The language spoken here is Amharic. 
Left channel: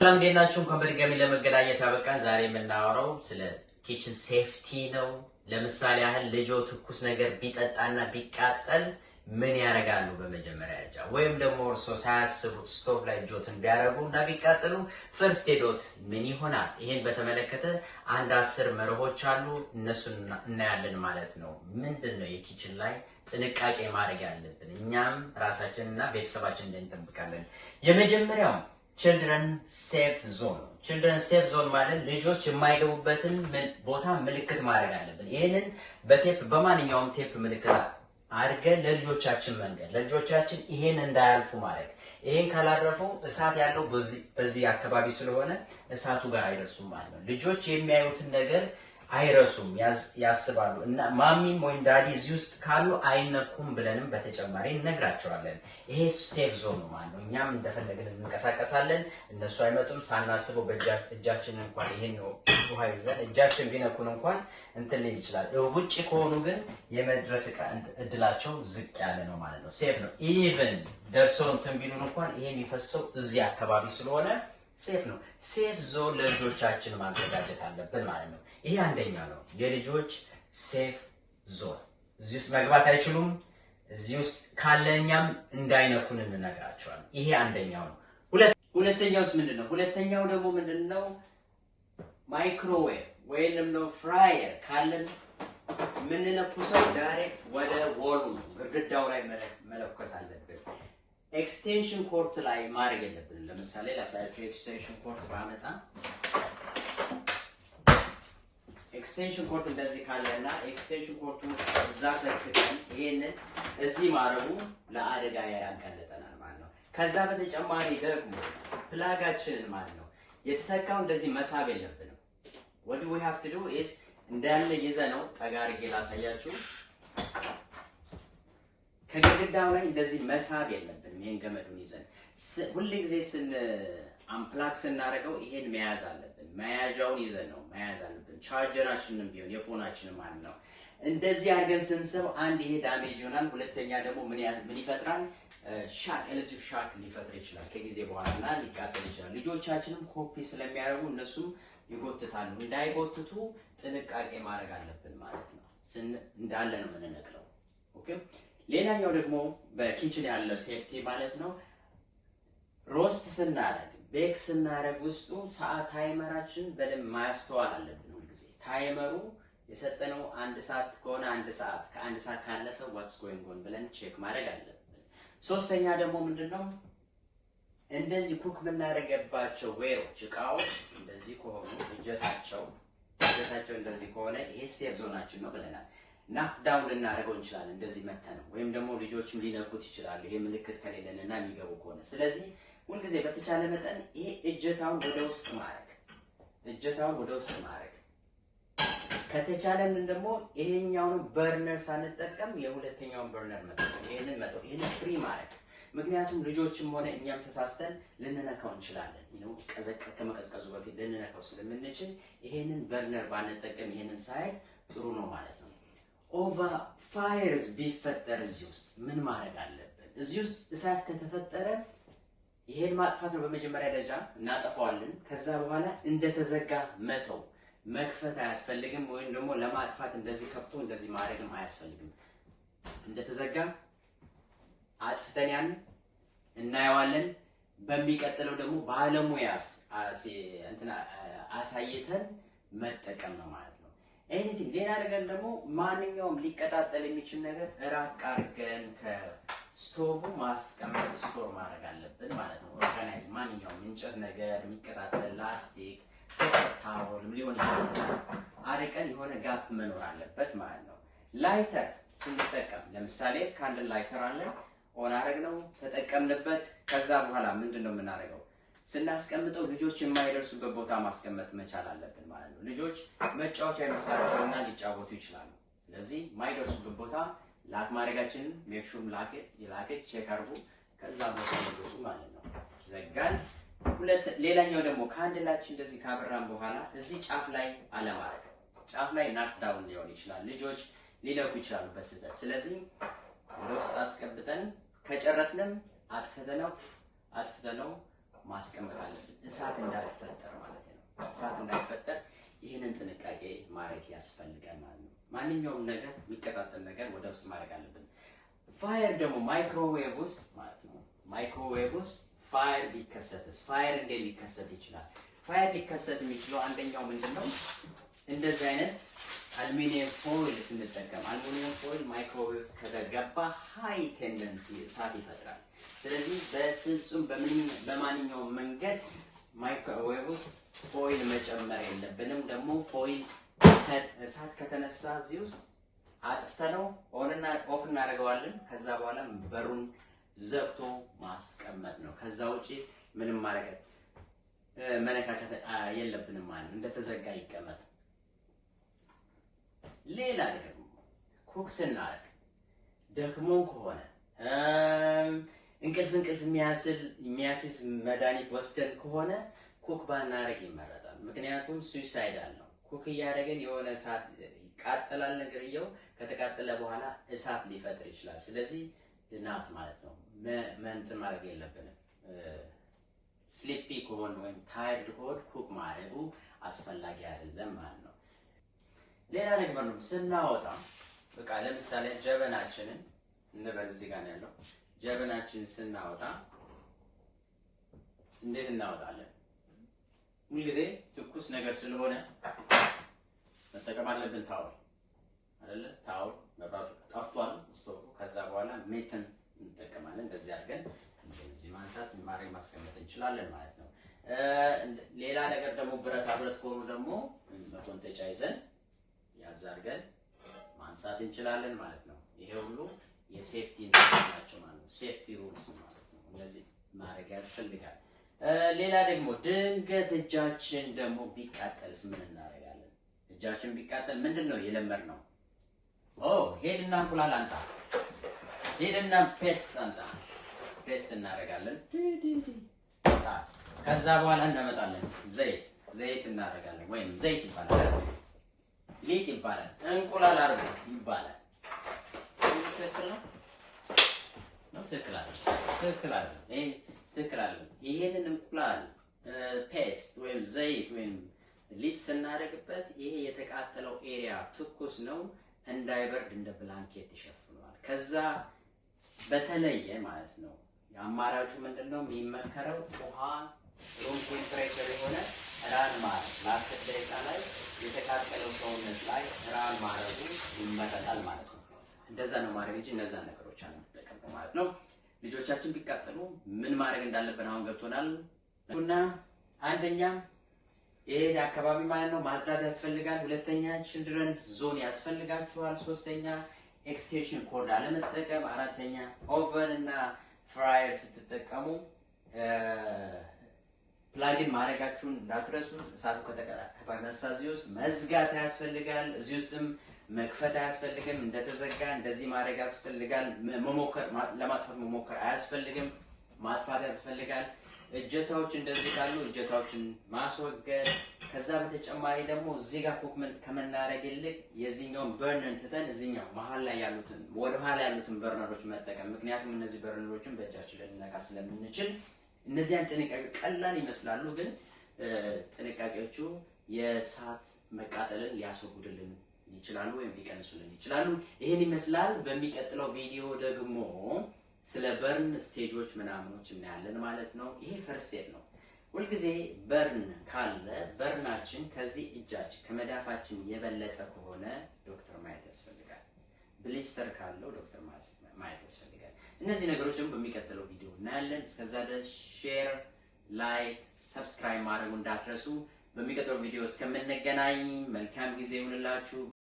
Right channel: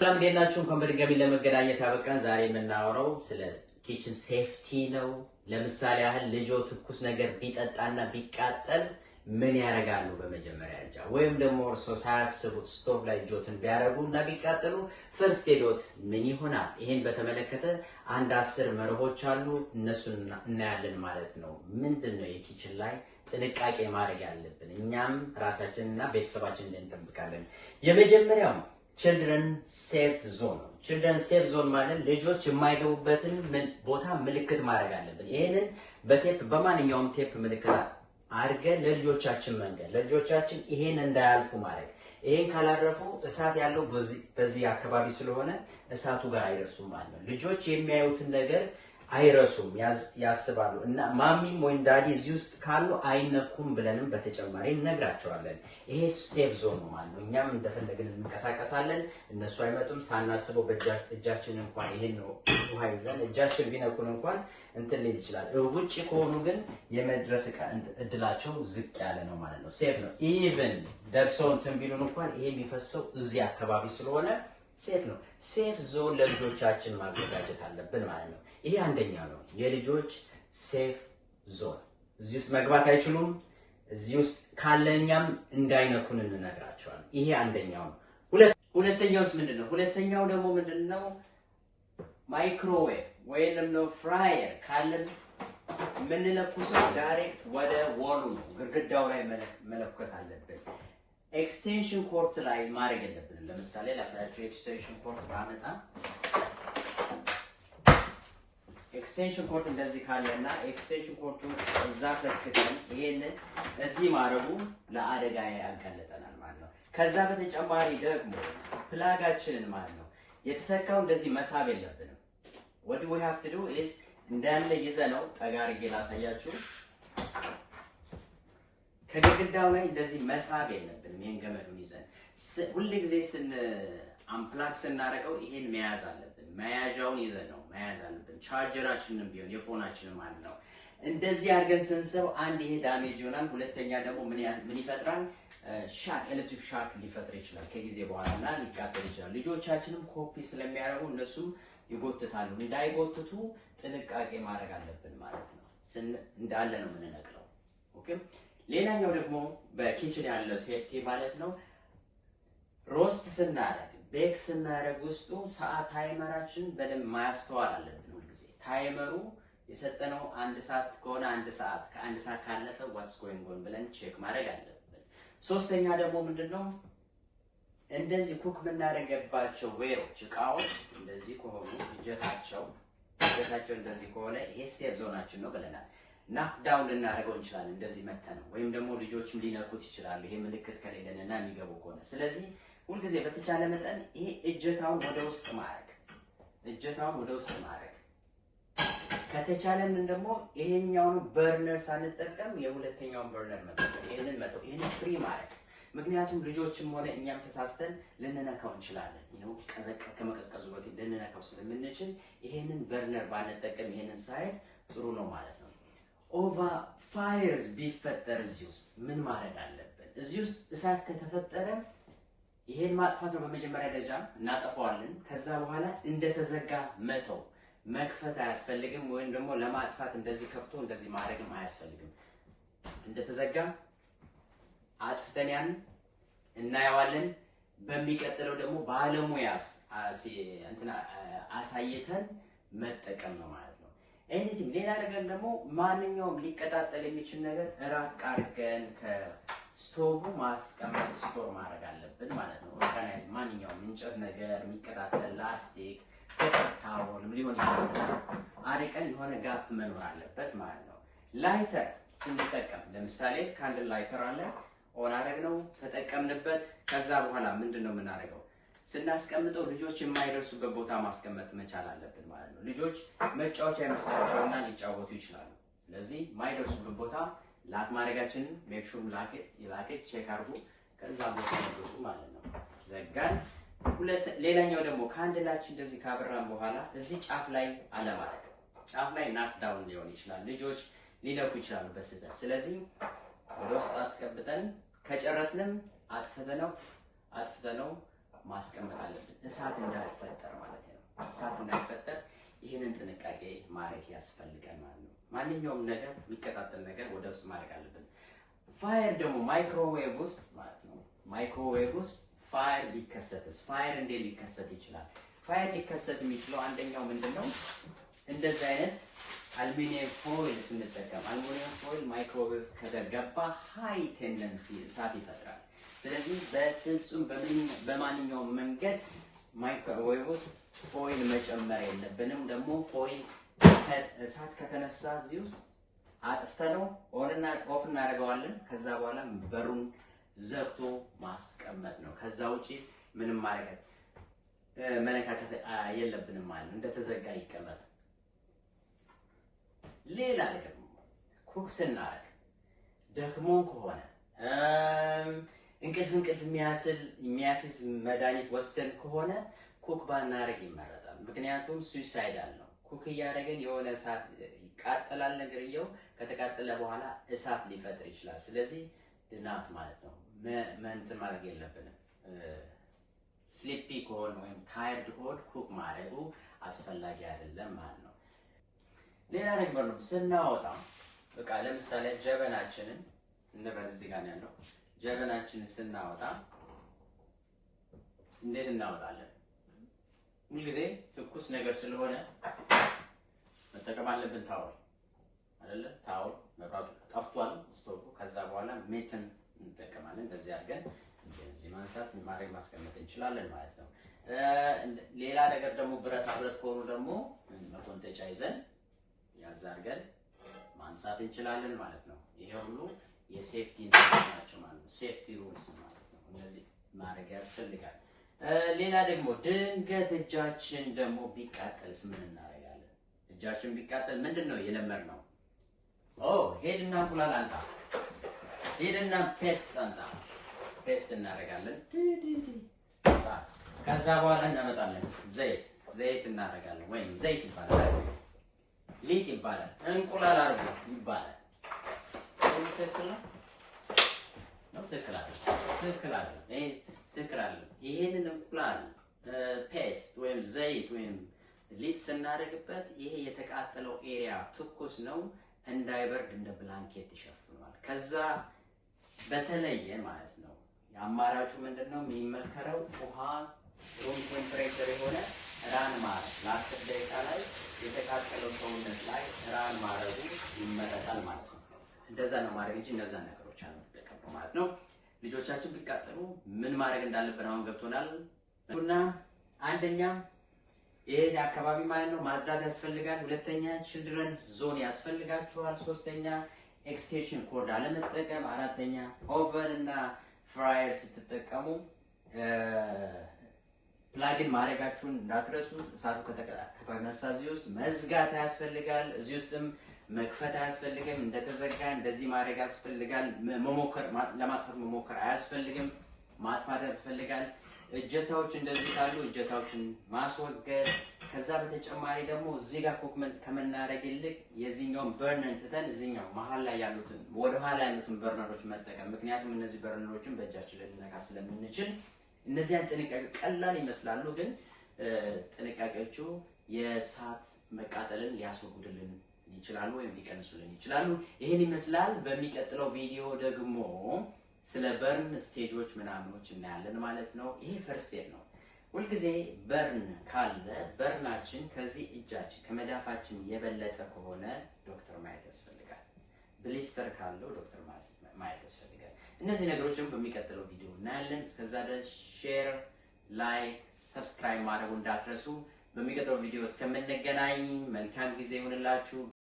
ሰላም ዴናችሁ እንኳን በድጋሚ ለመገናኘት አበቃን። ዛሬ የምናወራው ስለ ኪችን ሴፍቲ ነው። ለምሳሌ ያህል ልጆ ትኩስ ነገር ቢጠጣና ቢቃጠል ምን ያደርጋሉ? በመጀመሪያ ደረጃ ወይም ደግሞ እርሶ ሳያስቡት ስቶቭ ላይ እጆትን ቢያደርጉና ቢቃጠሉ ፈርስት ኤዶት ምን ይሆናል? ይሄን በተመለከተ አንድ 10 መርሆች አሉ። እነሱን እናያለን ማለት ነው። ምንድነው የኪችን ላይ ጥንቃቄ ማድረግ ያለብን እኛም ራሳችንና ቤተሰባችንን እንጠብቃለን። የመጀመሪያው ችልድረን ሴፍ ዞን ነው። ችልድረን ሴፍ ዞን ማለት ልጆች የማይገቡበትን ቦታ ምልክት ማድረግ አለብን። ይሄንን በቴፕ በማንኛውም ቴፕ ምልክት አድርገን ለልጆቻችን መንገድ ለልጆቻችን ይሄን እንዳያልፉ ማለት ይሄን ካላረፉ እሳት ያለው በዚህ አካባቢ ስለሆነ እሳቱ ጋር አይደርሱም ማለት ነው። ልጆች የሚያዩትን ነገር አይረሱም ያስባሉ እና ማሚም ወይም ዳዲ እዚህ ውስጥ ካሉ አይነኩም ብለንም በተጨማሪ እንነግራቸዋለን። ይሄ ሴፍ ዞን ነው ማለት ነው። እኛም እንደፈለግን እንንቀሳቀሳለን፣ እነሱ አይመጡም። ሳናስበው በእጃችን እንኳን ይሄን ውሃ ይዘን እጃችን ቢነኩን እንኳን እንትን ሊል ይችላል። ውጪ ከሆኑ ግን የመድረስ እድላቸው ዝቅ ያለ ነው ማለት ነው። ሴፍ ነው። ኢቭን ደርሰው እንትን ቢሉን እንኳን ይሄ የሚፈሰው እዚህ አካባቢ ስለሆነ ሴፍ ነው። ሴፍ ዞን ለልጆቻችን ማዘጋጀት አለብን ማለት ነው። ይሄ አንደኛ ነው፣ የልጆች ሴፍ ዞን። እዚህ ውስጥ መግባት አይችሉም። እዚህ ውስጥ ካለኛም እንዳይነኩን እንነግራቸዋለን። ይሄ አንደኛው ነው። ሁለተኛውስ ምንድነው? ሁለተኛው ደግሞ ምንድነው? ማይክሮዌቭ ወይንም ነው ፍራየር ካለን የምንለኩሰው ዳይሬክት ወደ ወሉ ግድግዳው ላይ መለኮስ አለብን። ኤክስቴንሽን ኮርት ላይ ማድረግ የለብንም። ለምሳሌ ላሳያችሁ። ኤክስቴንሽን ኮርት ባመጣ ኤክስቴንሽን ኮርት እንደዚህ ካለና ኤክስቴንሽን ኮርቱን እዛ ሰክተን ይሄንን እዚህ ማድረጉ ለአደጋ ያጋለጠናል ማለት ነው። ከዛ በተጨማሪ ደግሞ ፕላጋችንን ማለት ነው የተሰካው እንደዚህ መሳብ የለብንም። what we have to do is እንዳለ ይዘነው ጠጋ አድርጌ ላሳያችሁ። ከግድግዳው ላይ እንደዚህ መሳብ የለብንም። ይሄን ገመዱን ይዘን ሁሉ ጊዜ አምፕላክ ስናደርገው ይሄን መያዝ አለብን። መያዣውን ይዘን ነው መያዝ አለብን። ቻርጀራችንንም ቢሆን የፎናችንን ማለት ነው። እንደዚህ አድርገን ስንስብ አንድ ይሄ ዳሜጅ ይሆናል። ሁለተኛ ደግሞ ምን ይፈጥራል? ሻክ ኤሌክትሪክ ሻክ ሊፈጥር ይችላል ከጊዜ በኋላና ሊቃጠል ይችላል። ልጆቻችንም ኮፒ ስለሚያደርጉ እነሱም ይጎትታሉ። እንዳይጎትቱ ጥንቃቄ ማድረግ አለብን ማለት ነው። እንዳለ ነው የምንነቅለው። ኦኬ። ሌላኛው ደግሞ በኪችን ያለው ሴፍቲ ማለት ነው። ሮስት ስናደርግ ቤክ ስናደርግ ውስጡ ሰዓት ታይመራችን በደንብ ማስተዋል አለብን። ሁልጊዜ ታይመሩ የሰጠነው 1 ሰዓት ከሆነ 1 ሰዓት ከ1 ሰዓት ካለፈ what's going on ብለን ቼክ ማድረግ አለብን። ሶስተኛ ደግሞ ምንድነው? እንደዚህ ኩክ የምናደርግባቸው ዌሮች እቃዎች እንደዚህ ከሆኑ እጀታቸው እንደዚህ ከሆነ ይሄ ሴፍ ዞናችን ነው ብለናል። ናክ ዳውን ልናደርገው እንችላለን እንደዚህ መተነው፣ ወይም ደግሞ ልጆችም ሊነኩት ይችላሉ ይሄ ምልክት ከሌለና የሚገቡ ከሆነ። ስለዚህ ሁልጊዜ በተቻለ መጠን ይሄ እጀታውን ወደ ውስጥ ማድረግ ከተቻለን ደግሞ ይሄኛውን በርነር ሳንጠቀም የሁለተኛውን በርነር መጠቀም፣ ይሄንን ፍሪ ማድረግ። ምክንያቱም ልጆችም ሆነ እኛም ተሳስተን ልንነካው እንችላለን። ከመቀዝቀዙ በፊት ልንነካው ስለምንችል ይሄንን በርነር ባንጠቀም ይሄንን ሳይድ ጥሩ ነው ማለት ነው። ኦቨር ፋየርስ ቢፈጠር እዚህ ውስጥ ምን ማድረግ አለብን? እዚህ ውስጥ እሳት ከተፈጠረ ይሄን ማጥፋት ነው። በመጀመሪያ ደረጃ እናጠፋዋለን። ከዛ በኋላ እንደተዘጋ መክፈት አያስፈልግም። ወይም ደግሞ ለማጥፋት እንደዚህ ከፍቶ እንደዚህ ማድረግም አያስፈልግም። እንደተዘጋ አጥፍተን ያን እናየዋለን። በሚቀጥለው ደግሞ ባለሙያስ አሳይተን መጠቀም ነው ማለት ነው። ኤኒቲንግ ሌላ ነገር ደግሞ ማንኛውም ሊቀጣጠል የሚችል ነገር ራቅ አድርገን ከስቶቭ ማስቀመጥ ስቶር ማድረግ አለብን ማለት ነው። ኦርጋናይዝ ማንኛውም እንጨት ነገር የሚቀጣጠል ላስቲክ ታወልም ሊሆን ይችላል። አርቀን የሆነ ጋፕ መኖር አለበት ማለት ነው። ላይተር ስንጠቀም ለምሳሌ ካንድል ላይተር አለ፣ ኦን አደረግነው ተጠቀምንበት። ከዛ በኋላ ምንድነው የምናደርገው? ስናስቀምጠው ልጆች የማይደርሱበት ቦታ ማስቀመጥ መቻል አለብን ማለት ነው። ልጆች መጫወቻ ይመስላቸውና ሊጫወቱ ይችላሉ። ስለዚህ የማይደርሱበት ቦታ ላክ ማድረጋችንን ሜክ ሹር ላክ ቼክ አድርጉ። ከዛ ቦታ ይደርሱ ማለት ነው። ዘጋን። ሌላኛው ደግሞ ካንድላችን እንደዚህ ካበራን በኋላ እዚህ ጫፍ ላይ አለማድረግ። ጫፍ ላይ ናክ ዳውን ሊሆን ይችላል፣ ልጆች ሊነኩ ይችላሉ በስህተት። ስለዚህ ወደ ውስጥ አስቀብጠን ከጨረስንም አጥፍተነው ማስቀመጥ አለብን፣ እሳት እንዳይፈጠር ማለት ነው። እሳት እንዳይፈጠር ይህንን ጥንቃቄ ማድረግ ያስፈልጋል ማለት ነው። ማንኛውም ነገር የሚቀጣጠል ነገር ወደ ውስጥ ማድረግ አለብን። ፋየር ደግሞ ማይክሮዌቭ ውስጥ ማለት ነው። ማይክሮዌቭ ውስጥ ፋየር ቢከሰትስ? ፋየር እንዴት ሊከሰት ይችላል? ፋየር ሊከሰት የሚችለው አንደኛው ምንድነው? እንደዚህ አይነት አሉሚኒየም ፎይል ስንጠቀም፣ አሉሚኒየም ፎይል ማይክሮዌቭ ከገባ ሃይ ቴንደንሲ እሳት ይፈጥራል። ስለዚህ በፍጹም በማንኛውም መንገድ ማይክሮዌቭ ውስጥ ፎይል መጨመር የለብንም። ደግሞ ፎይል እሳት ከተነሳ እዚህ ውስጥ አጥፍተነው ኦፍ እናደርገዋለን። ከዛ በኋላ በሩን ዘግቶ ማስቀመጥ ነው። ከዛ ውጪ ምንም መነካከት የለብንም ማለት ነው። እንደተዘጋ ይቀመጥ። ሌላ ደግሞ ኩክ ስናደርግ ደክሞ ከሆነ እንቅልፍ የሚያስዝ መድኃኒት ወስደን ከሆነ ኩክ ባናደርግ ይመረጣል። ምክንያቱም ሱሳይዳል ነው። ኩክ እያደረገን የሆነ እሳት ይቃጠላል። ነገርየው ከተቃጠለ በኋላ እሳት ሊፈጥር ይችላል። ስለዚህ ድናት ማለት ነው እንትን ማድረግ የለብንም። ስሊፒ ከሆነ ወይም ታይርድ ከሆነ ኩክ ማድረጉ አስፈላጊ አይደለም ማለት ነው። ሌላ ነገር ነው ስናወጣ፣ በቃ ለምሳሌ ጀበናችንን እንበል፣ እዚህ ጋር ነው ያለው። ጀበናችንን ስናወጣ እንዴት እናወጣለን? ሁልጊዜ ትኩስ ነገር ስለሆነ መጠቀም አለብን። ታወል አይደለ? ታወል መብራቱ ጠፍቷል ስቶቭ። ከዛ በኋላ ሜትን እንጠቀማለን። በዚህ አድርገን እንደዚህ ማንሳት ማስቀመጥ እንችላለን ማለት ነው። ሌላ ነገር ደግሞ ብረታ ብረት ከሆኑ ደግሞ መቆንጠጫ ይዘን ያዝ አድርገን ማንሳት እንችላለን ማለት ነው። ይሄ ሁሉ የሴፍቲ ናቸው ማለት ነው። ሴፍቲ ሩልስ ማለት ነው። እነዚህ ማድረግ ያስፈልጋል። ሌላ ደግሞ ድንገት እጃችን ደግሞ ቢቃጠልስ ምን እናደርጋለን? እጃችን ቢቃጠል ምንድነው የለመድነው? ሄድና እንቁላል አንጣ፣ ሄድና ፔስት አንጣ። ፔስት እናደርጋለን። ከዛ በኋላ እናመጣለን ዘይት እናደርጋለን። ወይም ዘይት ይባላል፣ ሊጥ ይባላል፣ እንቁላል አርጎ ይባላል። ትክክል አይደለም። ይሄንን እንቁላል ፔስት ወይም ዘይት ወይም ሊጥ ስናደርግበት ይሄ የተቃጠለው ኤሪያ ትኩስ ነው፣ እንዳይበርድ እንደ ብላንኬት ይሸፍነዋል። ከዛ በተለየ ማለት ነው የአማራጩ ምንድነው የሚመከረው? ውሃ ሩም ቴምፕሬቸር የሆነ ራን ማድረግ ለ10 ደቂቃ ላይ የተቃጠለው ሰውነት ላይ ራን ማድረጉ ይመረጣል ማለት ነው። እንደዛ ነው ማድረግ እንጂ እነዛ ነገሮች አንጠቀምም ማለት ነው። ልጆቻችን ቢቃጠሉ ምን ማድረግ እንዳለብን አሁን ገብቶናል። እና አንደኛ ይሄ አካባቢ ማለት ነው ማጽዳት ያስፈልጋል። ሁለተኛ ቺልድረንስ ዞን ያስፈልጋቸዋል። ሶስተኛ ኤክስቴንሽን ኮርድ አለመጠቀም። አራተኛ ኦቨን እና ፍራየር ስትጠቀሙ ፕላግን ማድረጋችሁን እንዳትረሱ። እሳቱ ከተነሳ እዚህ ውስጥ መዝጋት ያስፈልጋል። እዚህ ውስጥም መክፈት አያስፈልግም። እንደተዘጋ እንደዚህ ማድረግ ያስፈልጋል። ለማጥፋት መሞከር አያስፈልግም። ማጥፋት ያስፈልጋል። እጀታዎች እንደዚህ ካሉ እጀታዎችን ማስወገድ። ከዛ በተጨማሪ ደግሞ እዚህ ጋር ኩክ ከመናረግ ይልቅ የዚህኛውን በርነር ትተን እዚህኛው መሀል ላይ ያሉትን ወደ ኋላ ያሉትን በርነሮች መጠቀም። ምክንያቱም እነዚህ በርነሮችን በእጃችን ልንነካ ስለምንችል እነዚያን ጥንቃቄ ቀላል ይመስላሉ፣ ግን ጥንቃቄዎቹ የእሳት መቃጠልን ሊያስወግዱልን ይችላሉ ወይም ሊቀንሱልን ይችላሉ። ይሄን ይመስላል። በሚቀጥለው ቪዲዮ ደግሞ ስለ በርን ስቴጆች ምናምኖች እናያለን ማለት ነው። ይሄ ፈርስት ስቴፕ ነው። ሁልጊዜ በርን ካለ በርናችን ከዚህ እጃችን ከመዳፋችን የበለጠ ከሆነ ዶክተር ማየት ያስፈልጋል። ብሊስተር ካለው ዶክተር ማየት ያስፈልጋል። እነዚህ ነገሮች ደግሞ በሚቀጥለው ቪዲዮ እናያለን። እስከዛ ድረስ ሼር፣ ላይክ፣ ሰብስክራይብ ማድረጉ እንዳትረሱ። በሚቀጥለው ቪዲዮ እስከምንገናኝ መልካም ጊዜ ይሁንላችሁ።